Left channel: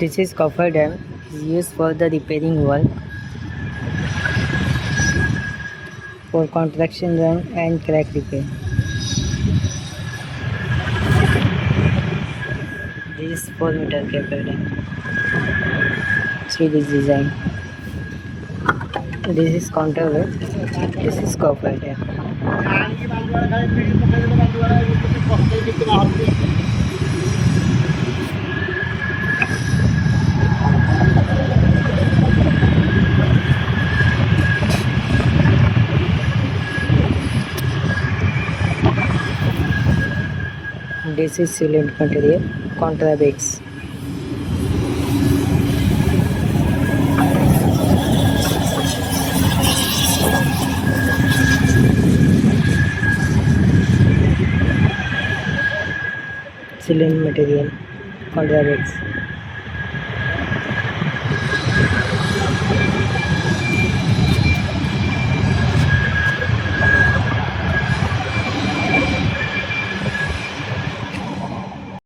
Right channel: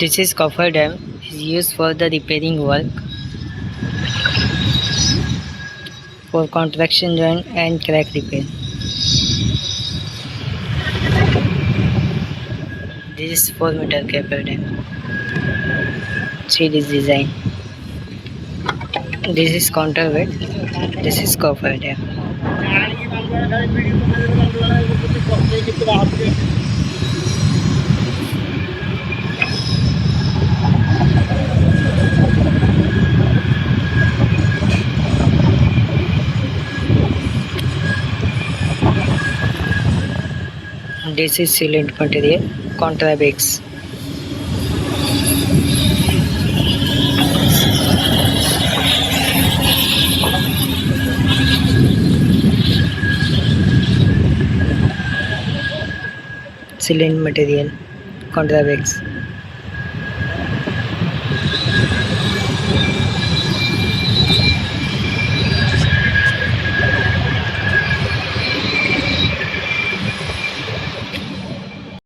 This is Cofferdam is used for the repairing work for contraction joint and crack repair. This is 4-meter Cofferdam. See this design. This is counterweight. This is Cofferdam. This is sealant material, contrabex. Sealant material, contrabex.